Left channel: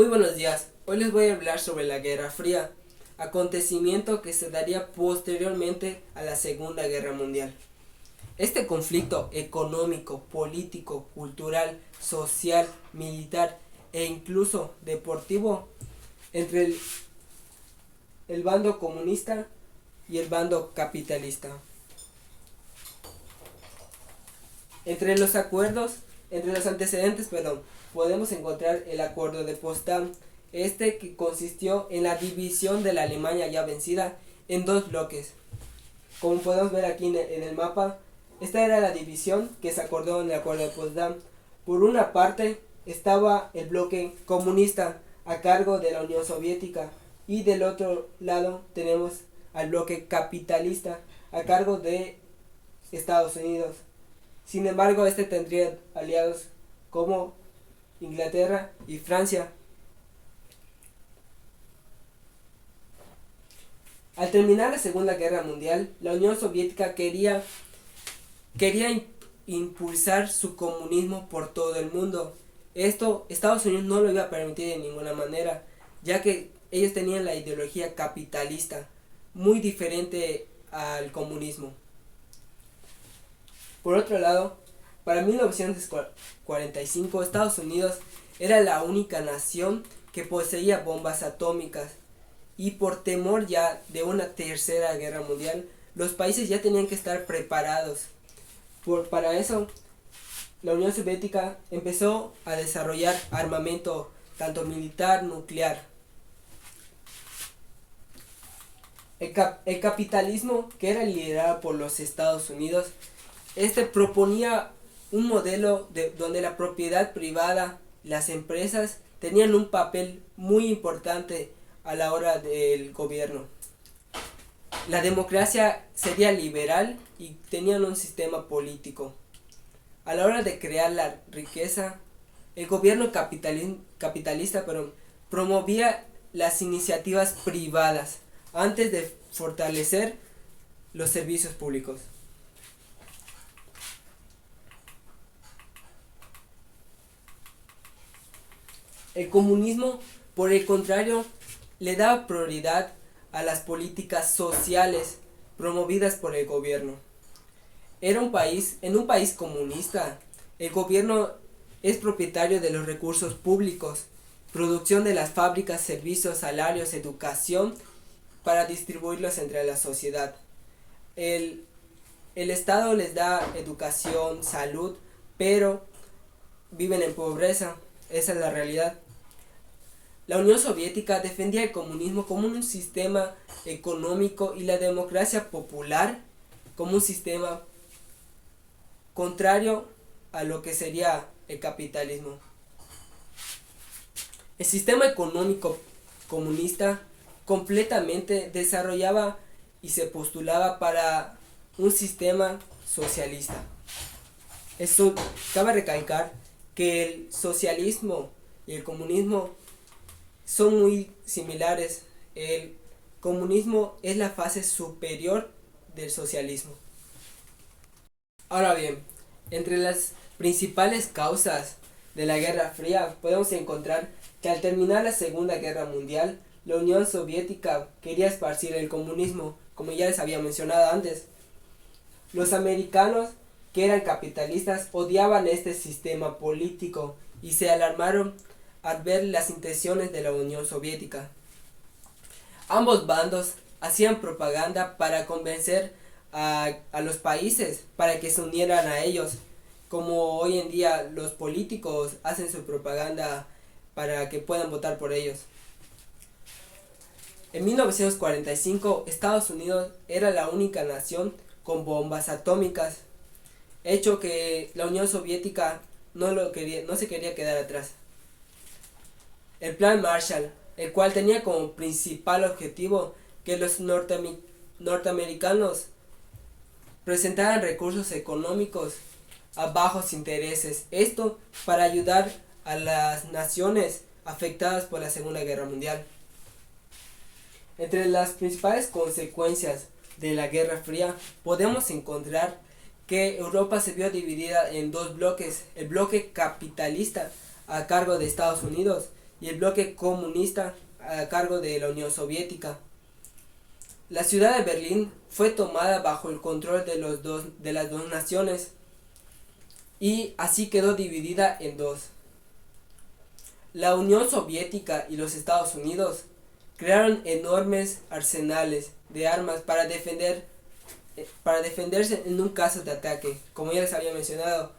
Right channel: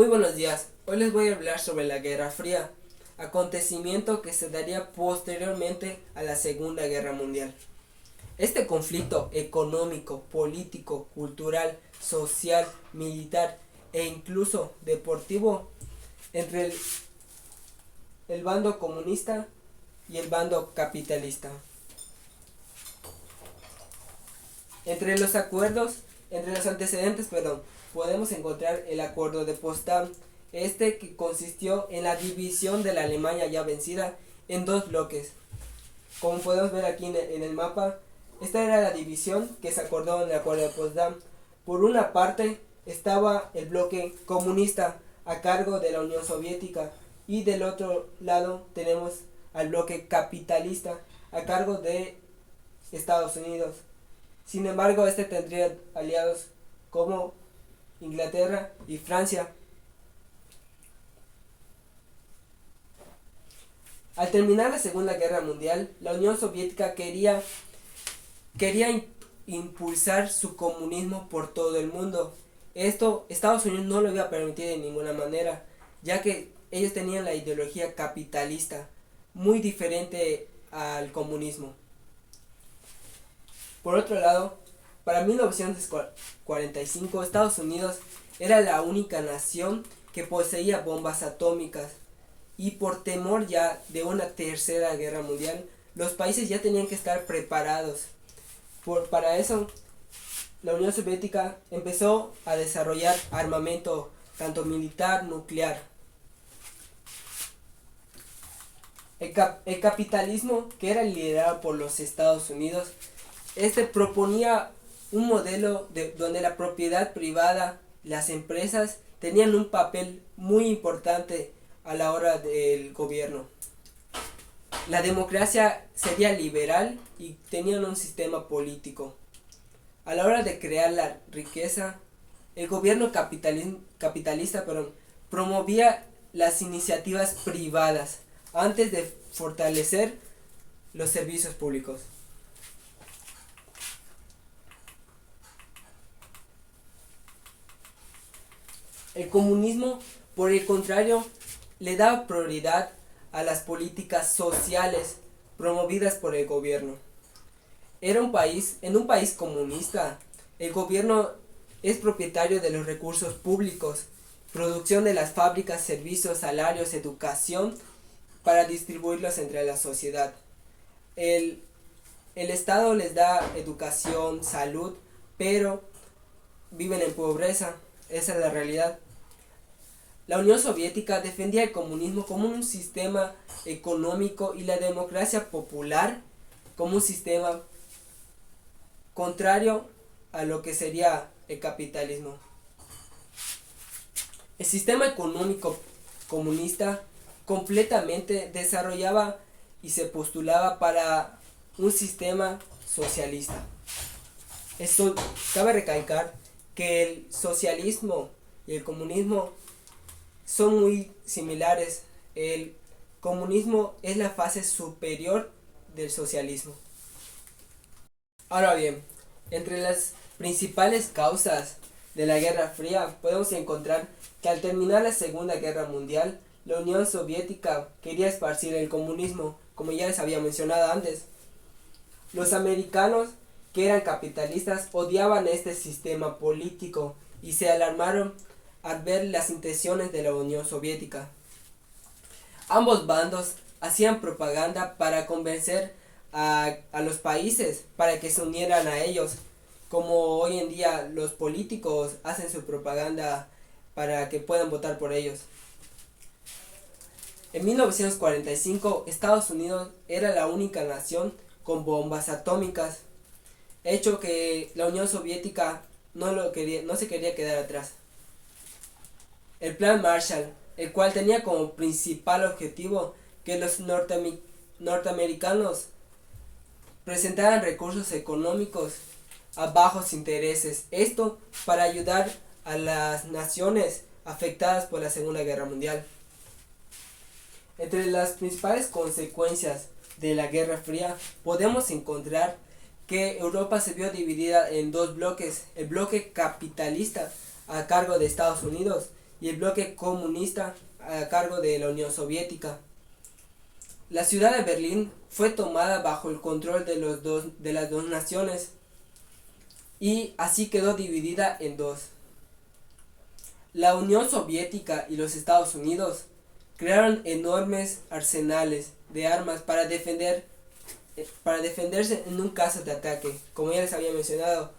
Muy buenos días, hoy les voy a hablar sobre la Guerra Fría, acontecimiento que se daría posteriormente a la Segunda Guerra Mundial. Este conflicto económico, político, cultural, social, militar e incluso deportivo entre el bando comunista y el bando capitalista. Entre los antecedentes, podemos encontrar el Acuerdo de Potsdam, que consistió en la división de la Alemania ya vencida en dos bloques. Como podemos ver aquí en el mapa, esta era la división que se acordó en el Acuerdo de Potsdam. Por una parte estaba el bloque comunista a cargo de la Unión Soviética y del otro lado tenemos al bloque capitalista a cargo de Estados Unidos. Sin embargo, este tendría aliados como Inglaterra y Francia. Al terminar la Segunda Guerra Mundial, la Unión Soviética quería impulsar su comunismo por todo el mundo. Esto Estados Unidos no lo iba a permitir de ninguna manera, ya que ellos tenían la ideología capitalista, muy diferente al comunismo. Por otro lado, para 1945 Estados Unidos era la única nación que poseía bombas atómicas y por temor ya de una tercera guerra mundial, los países ya tenían que estar preparados. Para eso, la Unión Soviética empezó a desarrollar armamento tanto militar, nuclear. El capitalismo, que era liderado por los Estados Unidos, proponía un modelo donde la propiedad privada, las empresas, tenían un papel muy importante a la hora del gobierno. La democracia sería liberal y tenían un sistema político. A la hora de crear la riqueza, el gobierno capitalista promovía las iniciativas privadas antes de fortalecer los servicios públicos. El comunismo, por el contrario, le daba prioridad a las políticas sociales promovidas por el gobierno. En un país comunista, el gobierno es propietario de los recursos públicos, producción de las fábricas, servicios, salarios, educación, para distribuirlos entre la sociedad. El Estado les da educación, salud, pero viven en pobreza. Esa es la realidad. La Unión Soviética defendía el comunismo como un sistema económico y la democracia popular como un sistema contrario a lo que sería el capitalismo. El sistema económico comunista completamente desarrollaba y se postulaba para un sistema socialista. Esto cabe recalcar que el socialismo y el comunismo son muy similares. El comunismo es la fase superior del socialismo. Ahora bien, entre las principales causas de la Guerra Fría podemos encontrar que al terminar la Segunda Guerra Mundial, la Unión Soviética quería esparcir el comunismo, como ya les había mencionado antes. Los americanos, que eran capitalistas, odiaban este sistema político y se alarmaron al ver las intenciones de la Unión Soviética. Ambos bandos hacían propaganda para convencer a los países para que se unieran a ellos, como hoy en día los políticos hacen su propaganda para que puedan votar por ellos. En 1945, Estados Unidos era la única nación con bombas atómicas, hecho que la Unión Soviética no se quería quedar atrás. El Plan Marshall, el cual tenía como principal objetivo que los norteamericanos presentaran recursos económicos a bajos intereses, esto para ayudar a las naciones afectadas por la Segunda Guerra Mundial. Entre las principales consecuencias de la Guerra Fría podemos encontrar que Europa se vio dividida en dos bloques: el bloque capitalista a cargo de Estados Unidos y el bloque comunista a cargo de la Unión Soviética. La ciudad de Berlín fue tomada bajo el control de las dos naciones y así quedó dividida en dos. La Unión Soviética y los Estados Unidos crearon enormes arsenales de armas para defenderse en un caso de ataque. Como ya les había mencionado,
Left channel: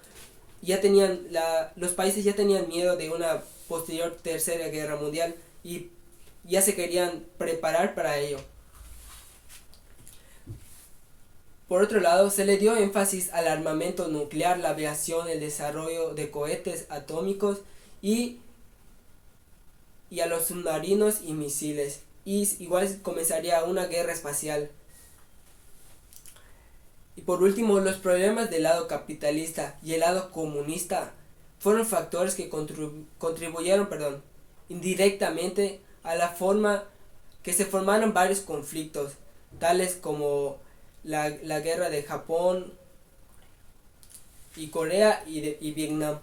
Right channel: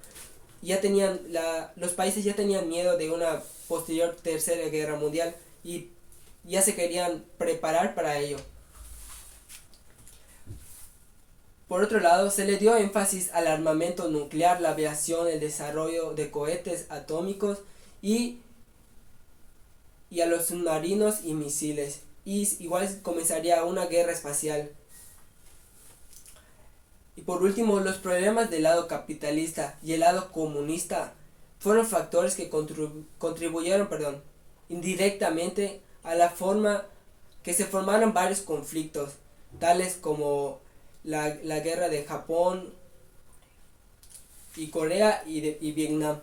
los países ya tenían miedo de una posterior tercera guerra mundial y ya se querían preparar para ello. Por otro lado, se le dio énfasis al armamento nuclear, la aviación, el desarrollo de cohetes atómicos y a los submarinos y misiles. Y igual comenzaría una guerra espacial. Y por último, los problemas del lado capitalista y el lado comunista fueron factores que contribuyeron indirectamente a la forma que se formaron varios conflictos, tales como la guerra de Japón y Corea y Vietnam.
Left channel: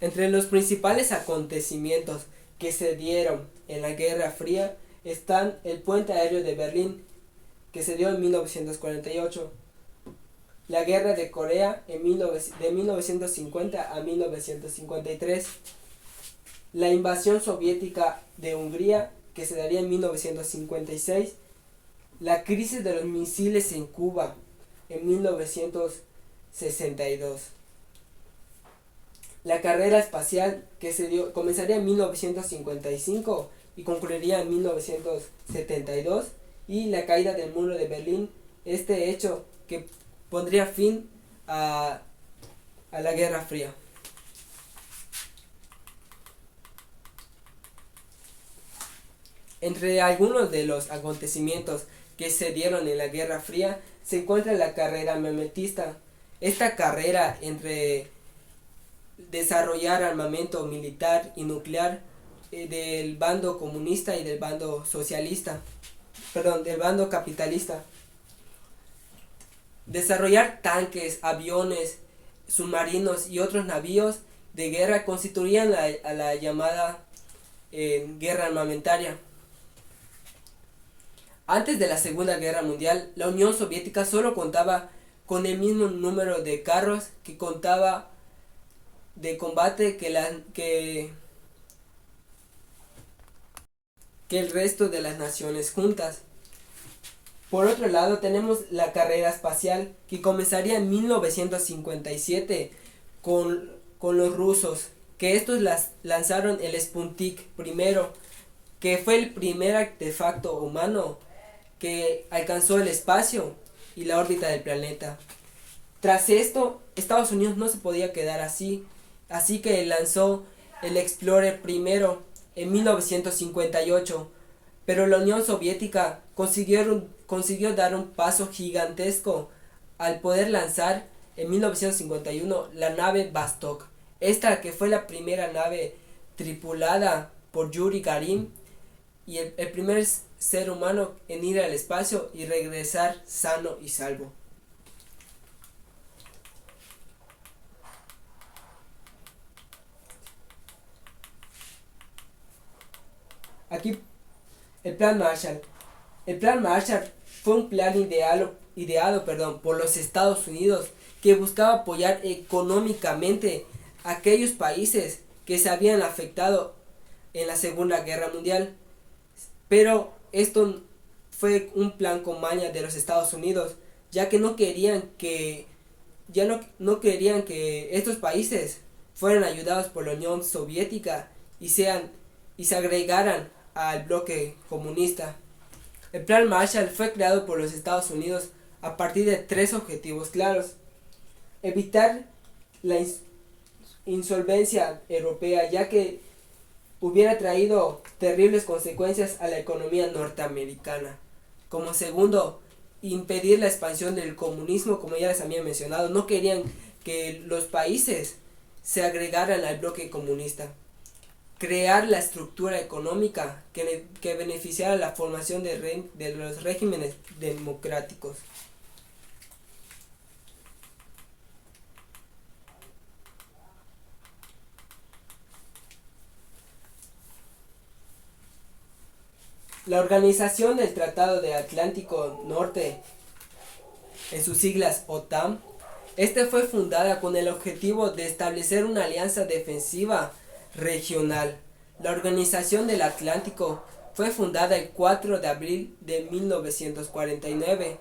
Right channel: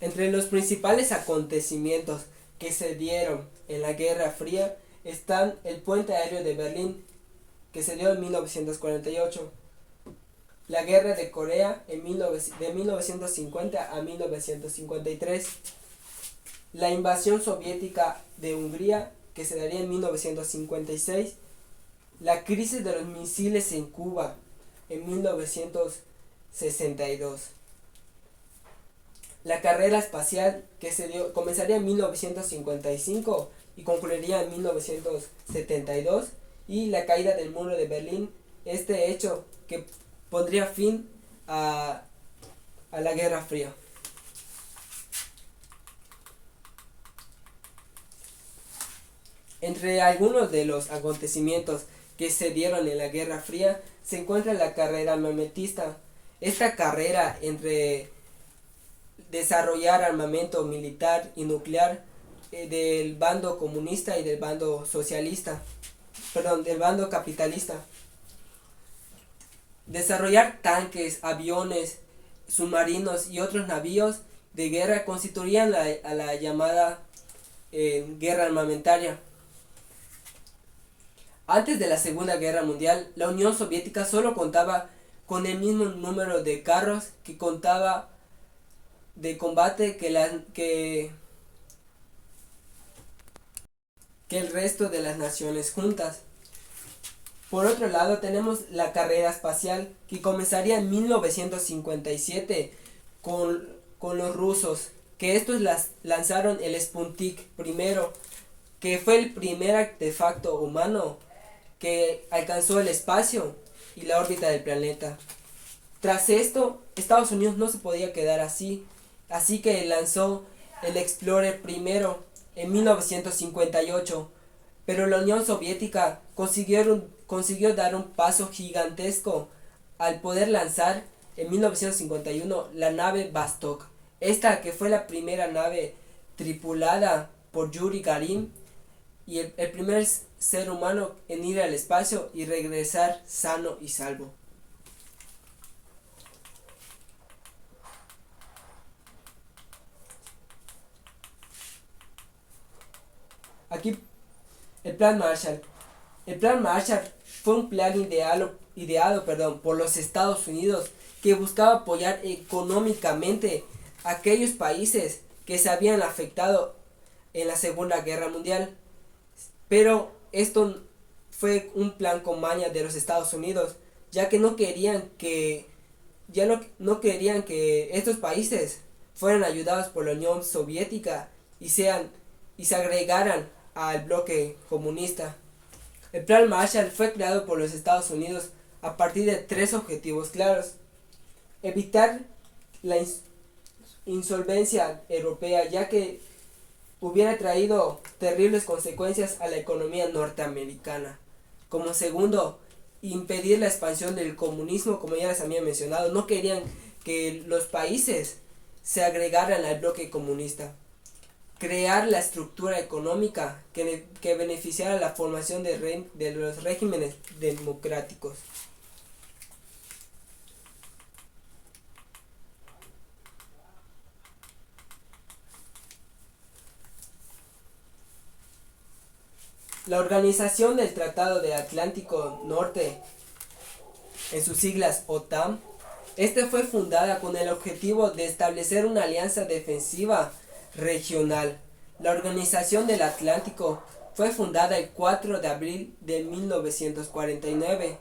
Entre los principales acontecimientos que se dieron en la Guerra Fría están el puente aéreo de Berlín, que se dio en 1948, la Guerra de Corea de 1950 a 1953, la invasión soviética de Hungría, que se daría en 1956, la crisis de los misiles en Cuba en 1962. La carrera espacial que comenzaría en 1955 y concluiría en 1972, y la caída del muro de Berlín, este hecho que pondría fin a la Guerra Fría. Entre algunos de los acontecimientos que se dieron en la Guerra Fría se encuentra la carrera armamentista. Esta carrera entre desarrollar armamento militar y nuclear del bando comunista y del bando del bando capitalista. Desarrollar tanques, aviones, submarinos y otros navíos de guerra constituían a la llamada guerra armamentaria. Antes de la Segunda Guerra Mundial, la Unión Soviética solo contaba con el mismo número de carros que contaba de combate que el resto de las naciones juntas. Por otro lado, tenemos la carrera espacial, que comenzaría en 1957 con los rusos, que estos lanzaron el Sputnik primero, que fue el primer artefacto humano que alcanzó el espacio y la órbita del planeta. Tras esto, Estados Unidos no se podía quedar así que lanzó el Explorer primero en 1958, pero la Unión Soviética consiguió dar un paso gigantesco al poder lanzar en 1951 la nave Vostok, esta que fue la primera nave tripulada por Yuri Gagarin y el primer ser humano en ir al espacio y regresar sano y salvo. Aquí el Plan Marshall. El Plan Marshall fue un plan ideado por los Estados Unidos que buscaba apoyar económicamente a aquellos países que se habían afectado en la Segunda Guerra Mundial. Pero esto fue un plan con maña de los Estados Unidos, ya que no querían que estos países fueran ayudados por la Unión Soviética y se agregaran al bloque comunista. El Plan Marshall fue creado por los Estados Unidos a partir de tres objetivos claros: evitar la insolvencia europea, ya que hubiera traído terribles consecuencias a la economía norteamericana. Como segundo, impedir la expansión del comunismo, como ya les había mencionado. No querían que los países se agregaran al bloque comunista. Crear la estructura económica que beneficiara la formación de los regímenes democráticos. La Organización del Tratado de Atlántico Norte, en sus siglas OTAN, fue fundada con el objetivo de establecer una alianza defensiva regional. La Organización del Atlántico fue fundada el 4 de abril de 1949,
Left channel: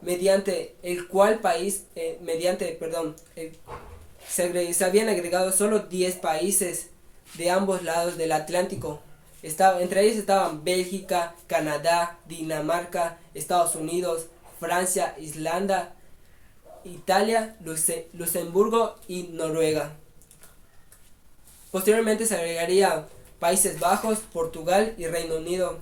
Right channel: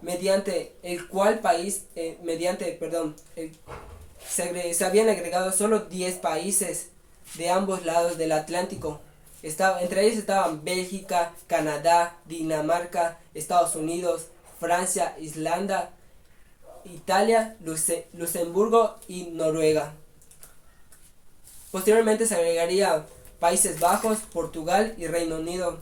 mediante el cual se habían agregado solo 10 países de ambos lados del Atlántico. Entre ellos estaban Bélgica, Canadá, Dinamarca, Estados Unidos, Francia, Islanda, Italia, Luxemburgo y Noruega. Posteriormente se agregaría Países Bajos, Portugal y Reino Unido.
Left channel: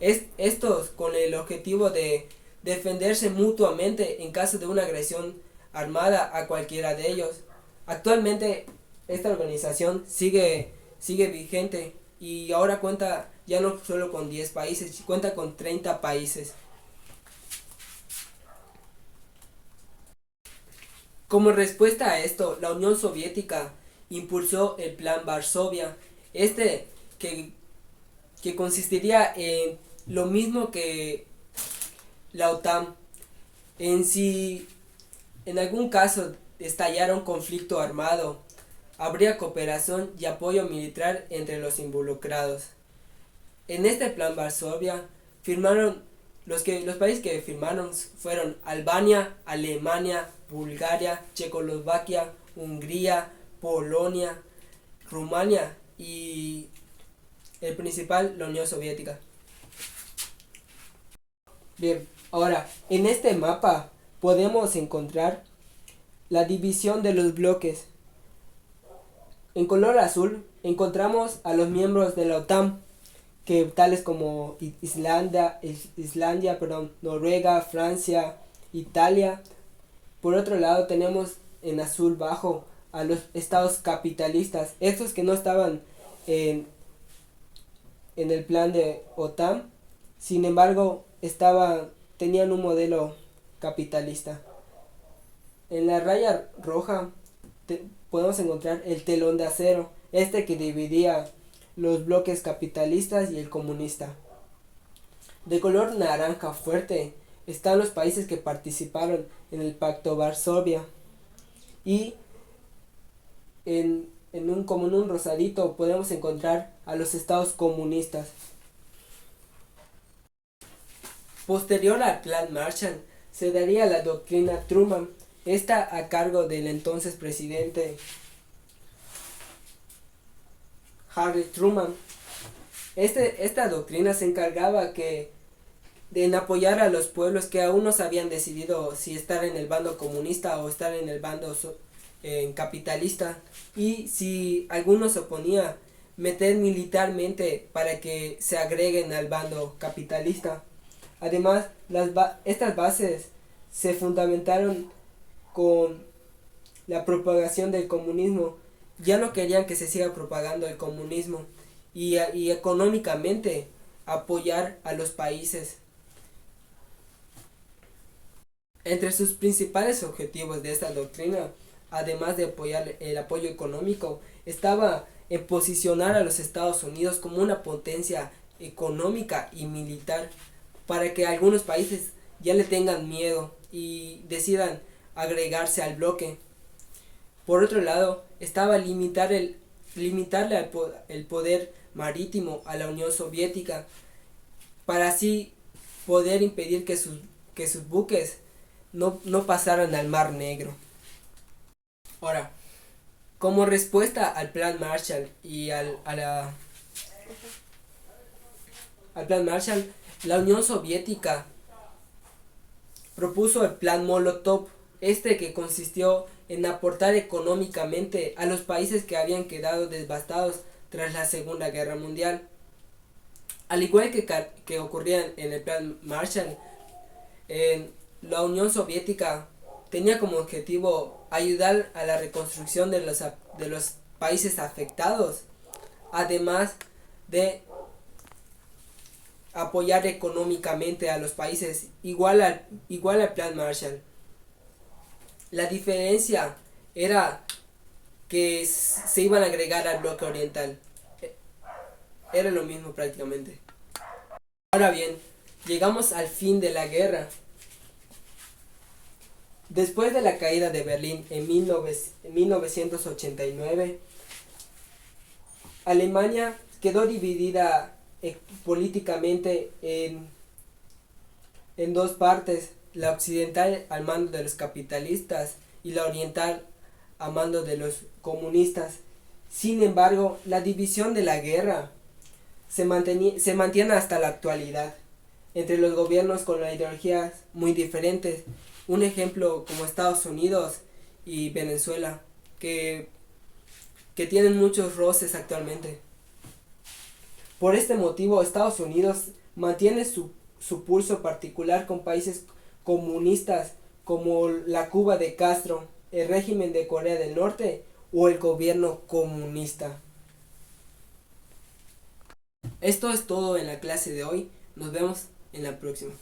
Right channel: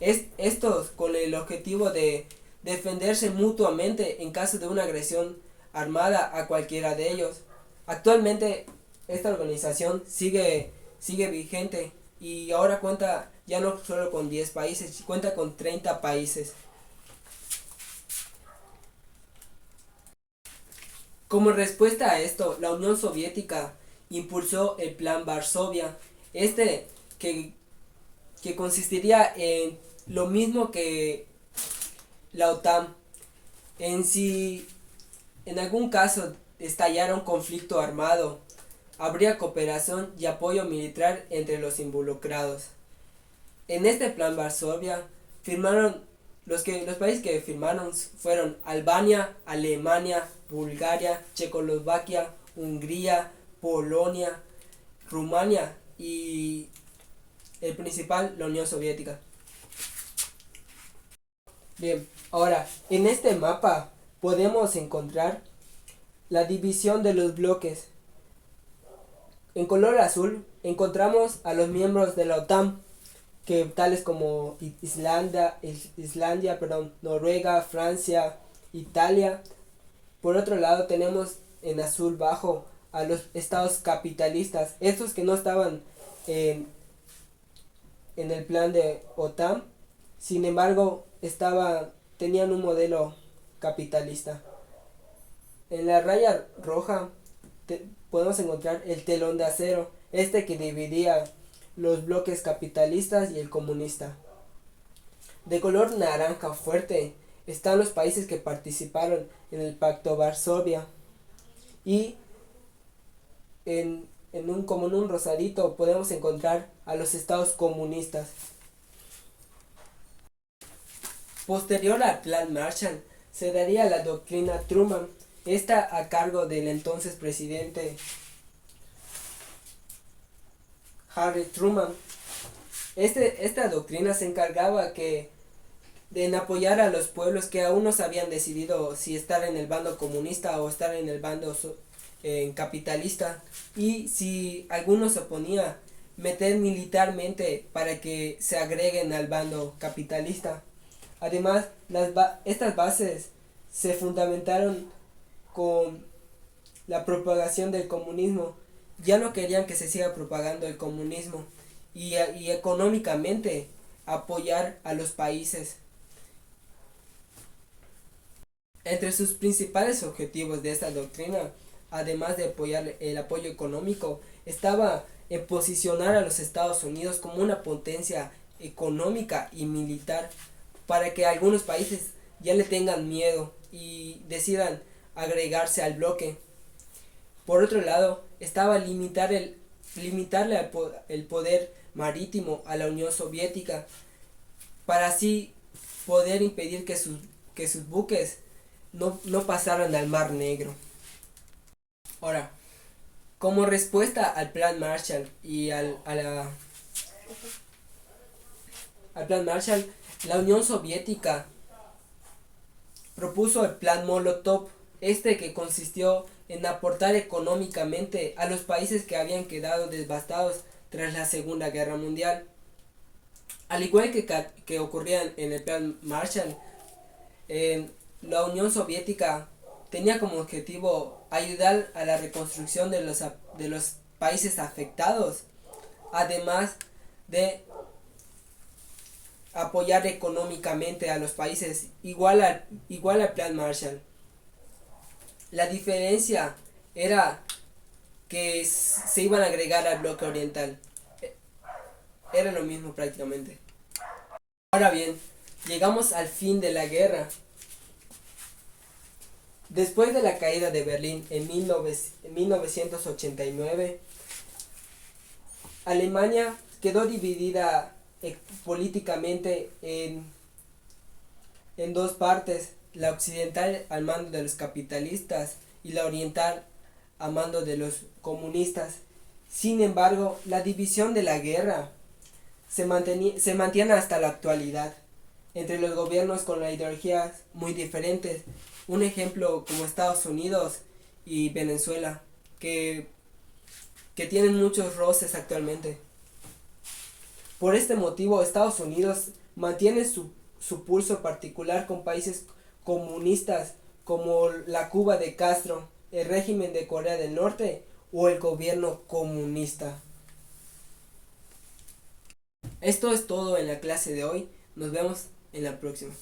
Estos con el objetivo de defenderse mutuamente en caso de una agresión armada a cualquiera de ellos. Actualmente esta organización sigue vigente y ahora cuenta ya no solo con 10 países, cuenta con 30 países. Como respuesta a esto, la Unión Soviética impulsó el Plan Varsovia, que, que consistiría en lo mismo que la OTAN. Si en algún caso estallara un conflicto armado, habría cooperación y apoyo militar entre los involucrados. En este Plan Varsovia los países que firmaron fueron Albania, Alemania, Bulgaria, Checoslovaquia, Hungría, Polonia, Rumania y el principal, la Unión Soviética. Bien, ahora en este mapa podemos encontrar la división de los bloques. En color azul encontramos a los miembros de la OTAN, que tales como Islandia, Noruega, Francia, Italia. Por otro lado tenemos en azul bajo a los estados capitalistas, estos que no estaban en el plan de OTAN, sin embargo tenían un modelo capitalista. En la raya roja podemos encontrar el telón de acero, que dividía los bloques capitalistas y el comunista. De color naranja fuerte están los países que participaron en el Pacto Varsovia, y en un rosadito podemos encontrar a los estados comunistas. Posterior al Plan Marshall se daría la doctrina Truman, a cargo del entonces presidente Harry Truman. Esta doctrina se encargaba de apoyar a los pueblos que aún no se habían decidido si estar en el bando comunista o estar en el bando capitalista, y si alguno se oponía, meter militarmente para que se agreguen al bando capitalista. Además, estas bases se fundamentaron con la propagación del comunismo. Ya no querían que se siga propagando el comunismo, y económicamente apoyar a los países. Entre sus principales objetivos de esta doctrina, además de apoyar el apoyo económico, estaba en posicionar a los Estados Unidos como una potencia económica y militar, para que algunos países ya le tengan miedo y decidan agregarse al bloque. Por otro lado, estaba limitarle el poder marítimo a la Unión Soviética, para así poder impedir que sus buques no pasaran al Mar Negro. Ahora, como respuesta al Plan Marshall y al Plan Marshall, la Unión Soviética propuso el Plan Molotov, que consistió en aportar económicamente a los países que habían quedado devastados tras la Segunda Guerra Mundial. Al igual que ocurría en el Plan Marshall, la Unión Soviética tenía como objetivo ayudar a la reconstrucción de los países afectados, además de apoyar económicamente a los países, igual al Plan Marshall. La diferencia era que se iban a agregar al bloque oriental. Era lo mismo prácticamente. Ahora bien, llegamos al fin de la guerra. Después de la caída de Berlín en 1989, Alemania quedó dividida políticamente en dos partes, la occidental al mando de los capitalistas y la oriental a mando de los comunistas. Sin embargo, la división de la guerra se mantiene hasta la actualidad entre los gobiernos con ideologías muy diferentes. Un ejemplo como Estados Unidos y Venezuela, que tienen muchos roces actualmente. Por este motivo, Estados Unidos mantiene su pulso particular con países comunistas como la Cuba de Castro, el régimen de Corea del Norte o el gobierno comunista. Esto es todo en la clase de hoy. Nos vemos en la próxima.